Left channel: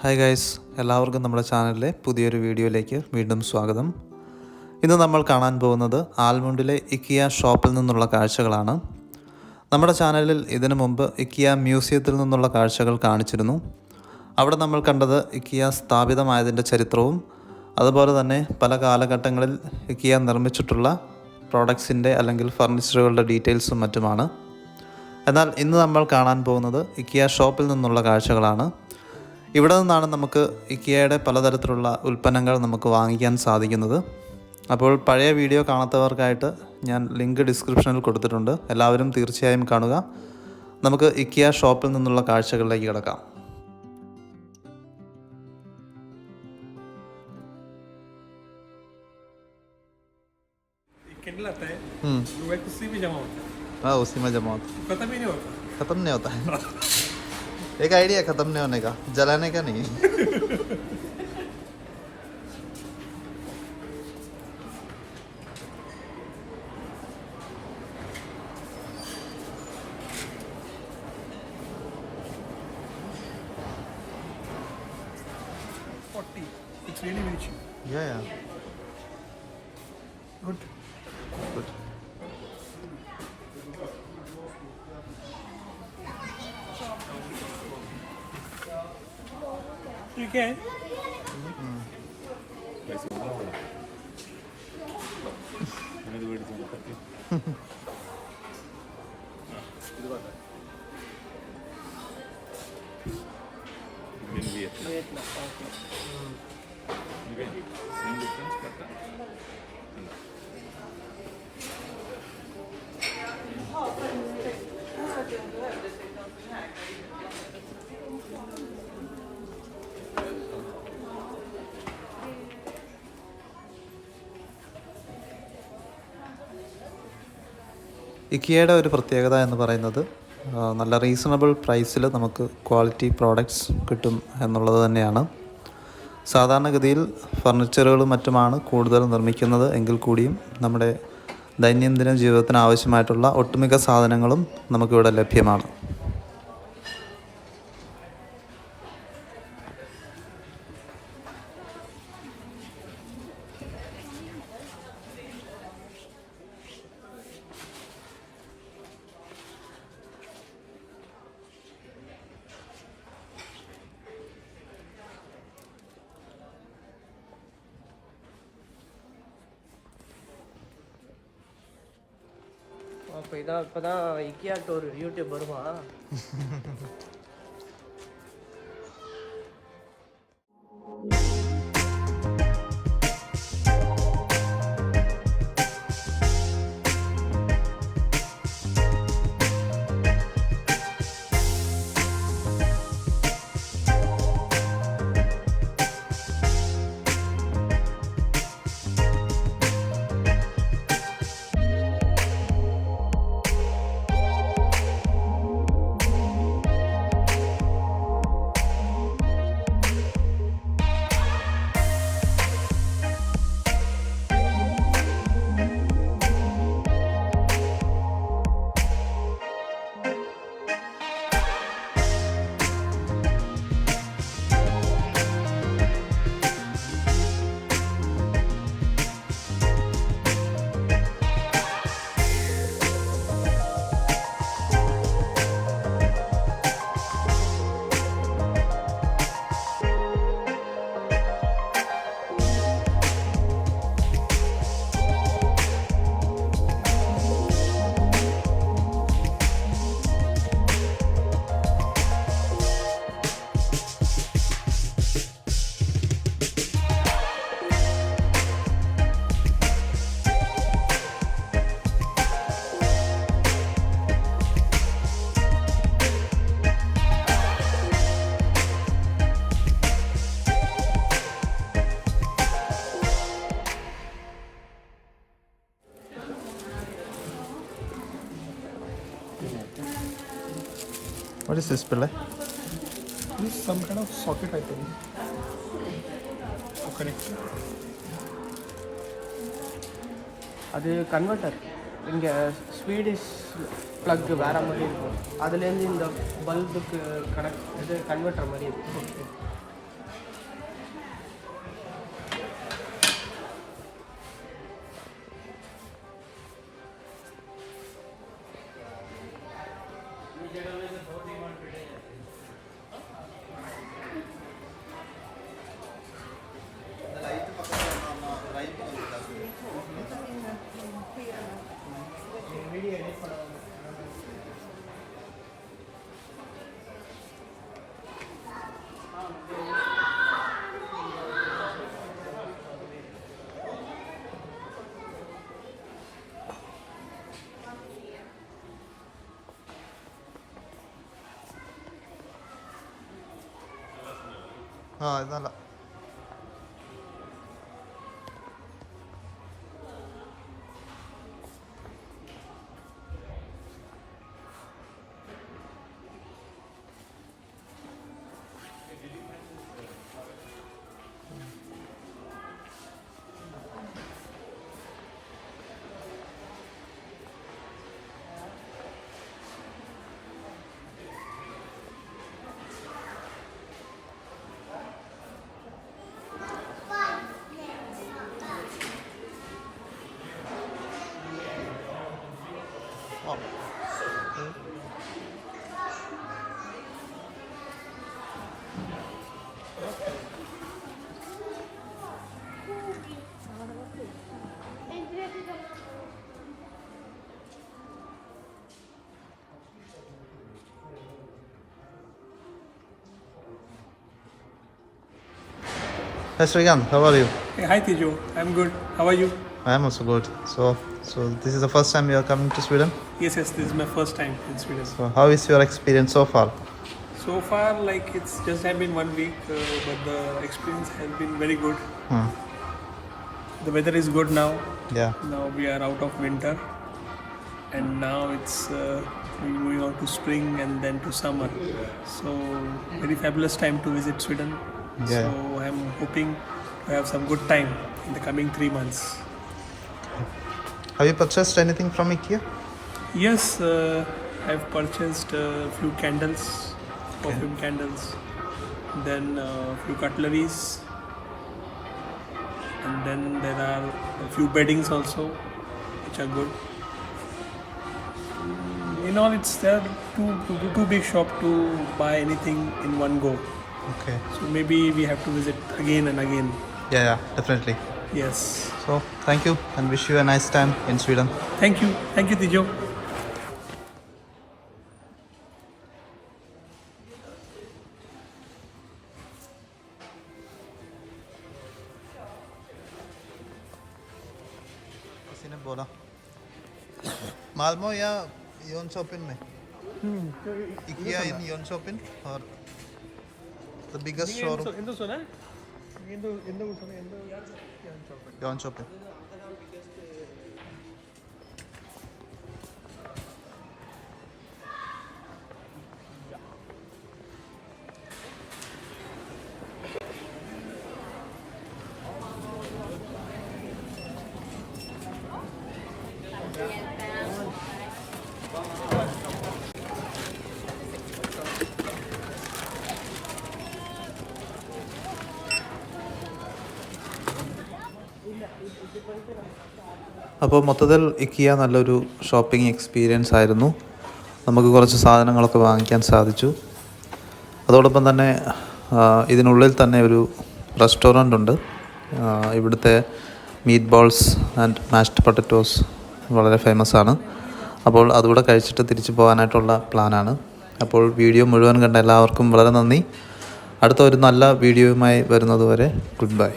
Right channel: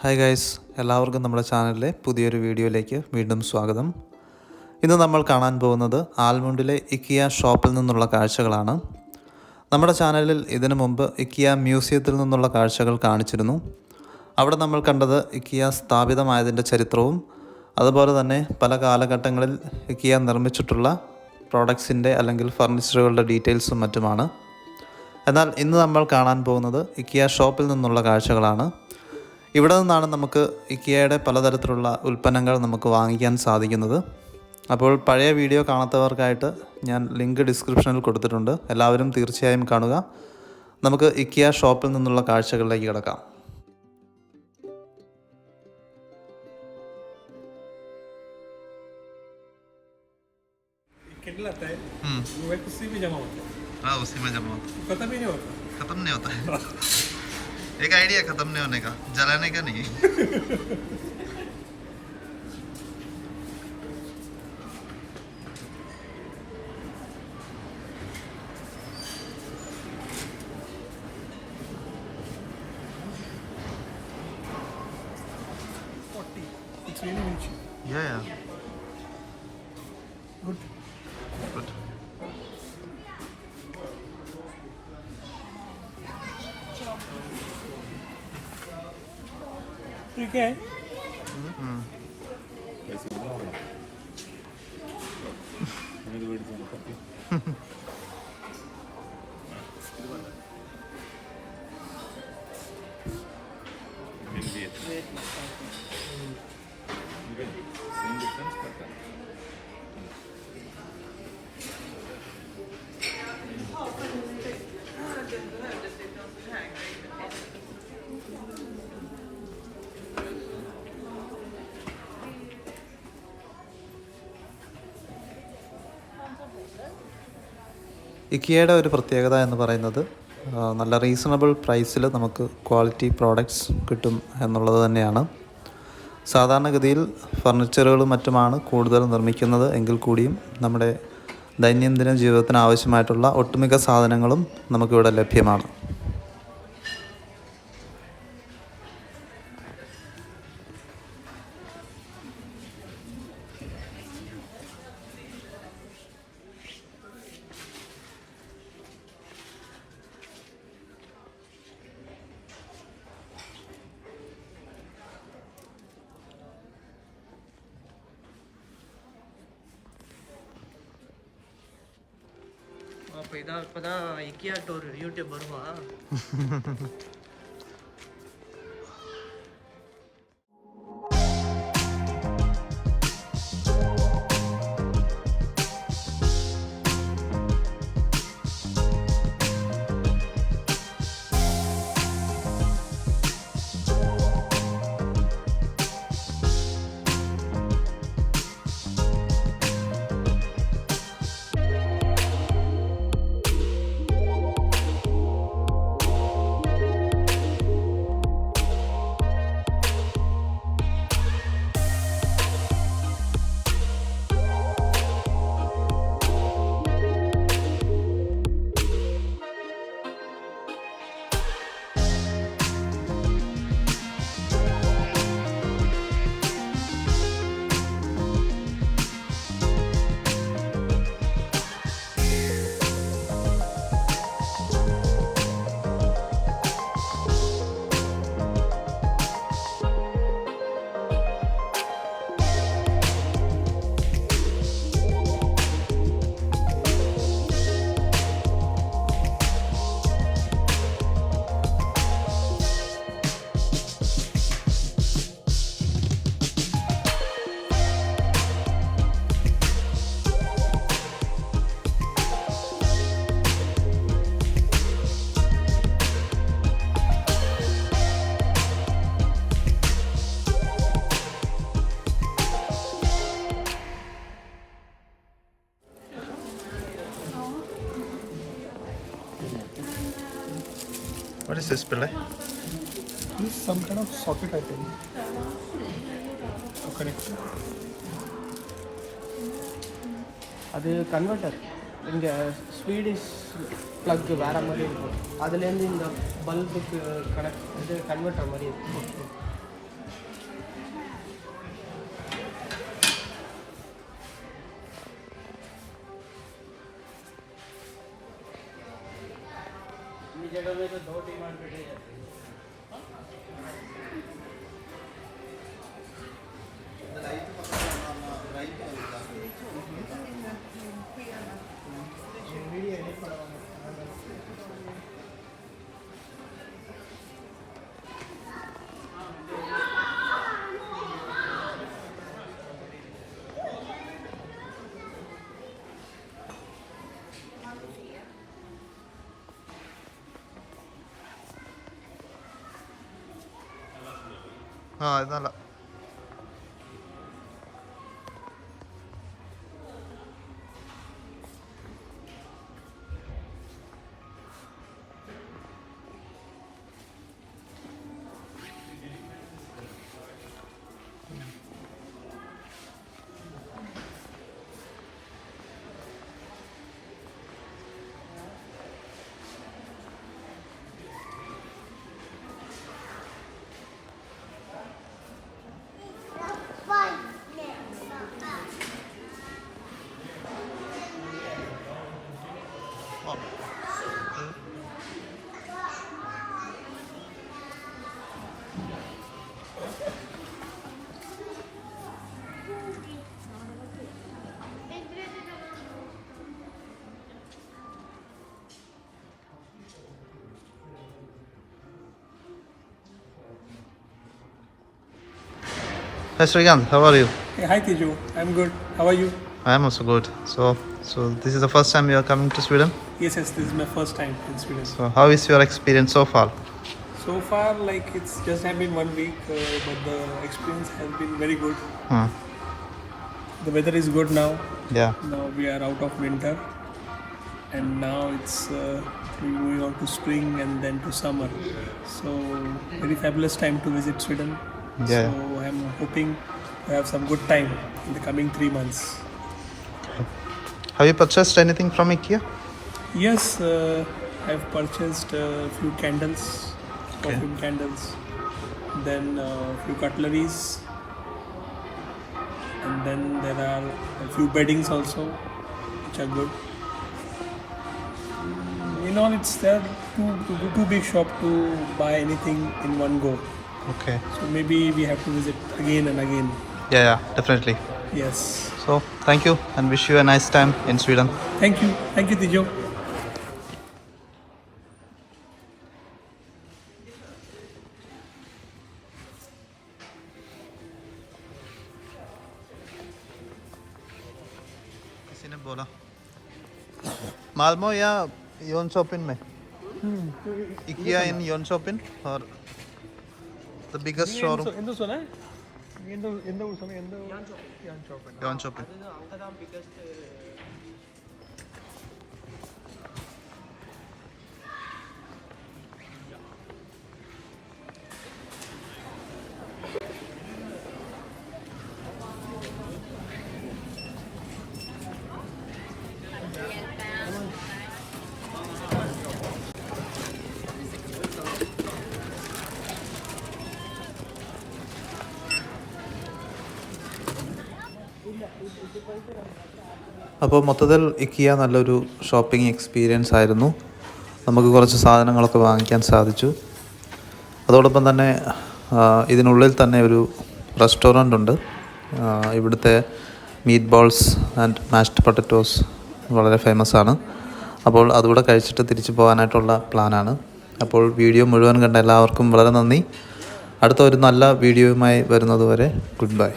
Hi guys, എല്ലാവർക്കും നമ്മുടെ ചാനലിലെ പുതിയൊരു വീഡിയോയിലേക്ക് വീണ്ടും സ്വാഗതം. ഇന്ന് നമ്മൾ കാണാൻ പോകുന്നത് ആൽമുണ്ടിലെ ഇക്കിയ ഷോപ്പിൽ നിന്നുള്ള കാഴ്ചകളാണ്. നമ്മുടെ ചാനലിൽ ഇതിനു മുമ്പ് ഇക്കിയ മ്യൂസിയത്തിൽ നിന്നുള്ള കാഴ്ചകൾ കാണിച്ചിരുന്നു. അവിടെ നമ്മൾ കണ്ടത് ഇക്കിയ സ്ഥാപിതമായതിൻ്റെ ചരിത്രവും അതുപോലെ തന്നെ പല കാലഘട്ടങ്ങളിൽ ഇക്കിയ നിർമ്മിച്ചിട്ടുള്ള പ്രോഡക്ട്സിൻ്റെ അല്ലെങ്കിൽ ഫർണിച്ചറുകളുടെ ഡീറ്റെയിൽസും മറ്റുമാണ്. എന്നാൽ ഇന്ന് നമ്മൾ കാണാൻ പോകുന്നത് ഇക്കിയ ഷോപ്പിൽ നിന്നുള്ള കാഴ്ചകളാണ്. ഇവിടെ നിന്നാണ് നമുക്ക് ഇക്കിയയുടെ പലതരത്തിലുള്ള ഉൽപ്പന്നങ്ങൾ നമുക്ക് വാങ്ങിക്കാൻ സാധിക്കുന്നത്. അപ്പോൾ പഴയ വീഡിയോ കാണാത്തവർക്കായിട്ട് ഞാൻ ലിങ്ക് ഡിസ്ക്രിപ്ഷനിൽ കൊടുത്തിട്ടുണ്ട്. എല്ലാവരും തീർച്ചയായും കാണുക. നമുക്ക് ഇക്കിയ ഷോപ്പിൽ നിന്നുള്ള കാഴ്ചകളിലേക്ക് കിടക്കാം. उसी में जमा होता खत्म नहीं होता है एक आइडिया खत्म नहीं होने का, जलाने का नहीं. It's really rich. Yeah. Good. ठीक है. ഇക്കിയയുടെ ഒരു പ്രത്യേകത എന്ന് പറയുന്നത് നല്ല റീസണബിൾ പ്രൈസിൽ നമുക്ക് ക്വാളിറ്റി പ്രോഡക്റ്റ്സ് കിട്ടും എന്നുള്ളത് തന്നെയാണ്. സാധാരണഗതിയിൽ ഫർണിച്ചറുകളും മറ്റുമാണ് കൂടുതൽ നിർമ്മിക്കുന്നത് എങ്കിൽ കൂടിയും നമ്മുടെ ദൈനംദിന ജീവിതത്തിന് ആവശ്യമായിട്ടുള്ള ഒട്ടുമിക്ക സാധനങ്ങളും നമുക്കിവിടെ ലഭ്യമാണ്. அப்போ இதான் இப்போ தான் இக்கியாட்ட ஒரு யூடியூப் வருவான். What is this, Pillai? This is some kind of socket, I think. To connect. அது கன்வெர்ட்டர். இங்கே ஸ்வீடிஷ் ப்ளக் வேறு மாதிரி இருக்கும். அதுலேருந்து இந்த பல்புக்கு இது கன்வெர்ட்டர் மாதிரி இருக்கும். ആ ഇത് നല്ല Hi Srikanth, how are you? Hey, hi Tejo, I'm good. How are you? I am also good. So this is the first time you are coming to Sweden. Yes, this is my first time in Sweden. So how is your experience so far? So far, like it's just have been 1 week, but the experience has been very good. The weather is good now. Yeah. Now we are out of winter, and now it's we're moving on to spring and then to summer. So very fabulous time to visit Sweden. Yeah. So I'm hoping to have some good time in the coming 3 months. Have you purchased anything from IKEA? Yes, I've purchased a few candles, perfume candles, then a few cutleries, and then there are a few beddings also, which are good. In all, it's there too big shop to buy anything in one go. Okay. So maybe we have to visit again and again. Yeah, definitely. Yes. So thank you and wish you a nice time in Sweden. Thank you, Tijo. किसी ने बोला मालमो या योनशॉपिन में IKEA in Jönköping or the biggest showroom Jönköping. അപ്പോൾ മൊത്തത്തിൽ IKEA നല്ലൊരു ഷോപ്പിംഗ് എക്സ്പീരിയൻസ് ആയിരുന്നു. നമുക്ക് കുറച്ച് സാധനങ്ങളൊക്കെ വാങ്ങിക്കാൻ സാധിച്ചു. അതോടൊപ്പം തന്നെ ഇതിനുള്ളിൽ തന്നെ ഒരു റെസ്റ്റോറൻ്റ് ഉണ്ട്. ഇവിടുത്തെ meet balls and mashed potatoes വളരെ ഫേമസ് ആണ്. അപ്പോൾ അതുകൂടെ കഴിച്ചിട്ട് തിരിച്ചു പോകാനായിട്ടുള്ള പ്ലാനാണ്. അപ്പോൾ വീഡിയോ മുഴുവൻ കണ്ട എല്ലാവർക്കും വളരെ നന്ദി. അടുത്ത ഒരു നല്ല വീഡിയോയുമായി വരുന്നതുവരെ ഗുഡ് ബൈ.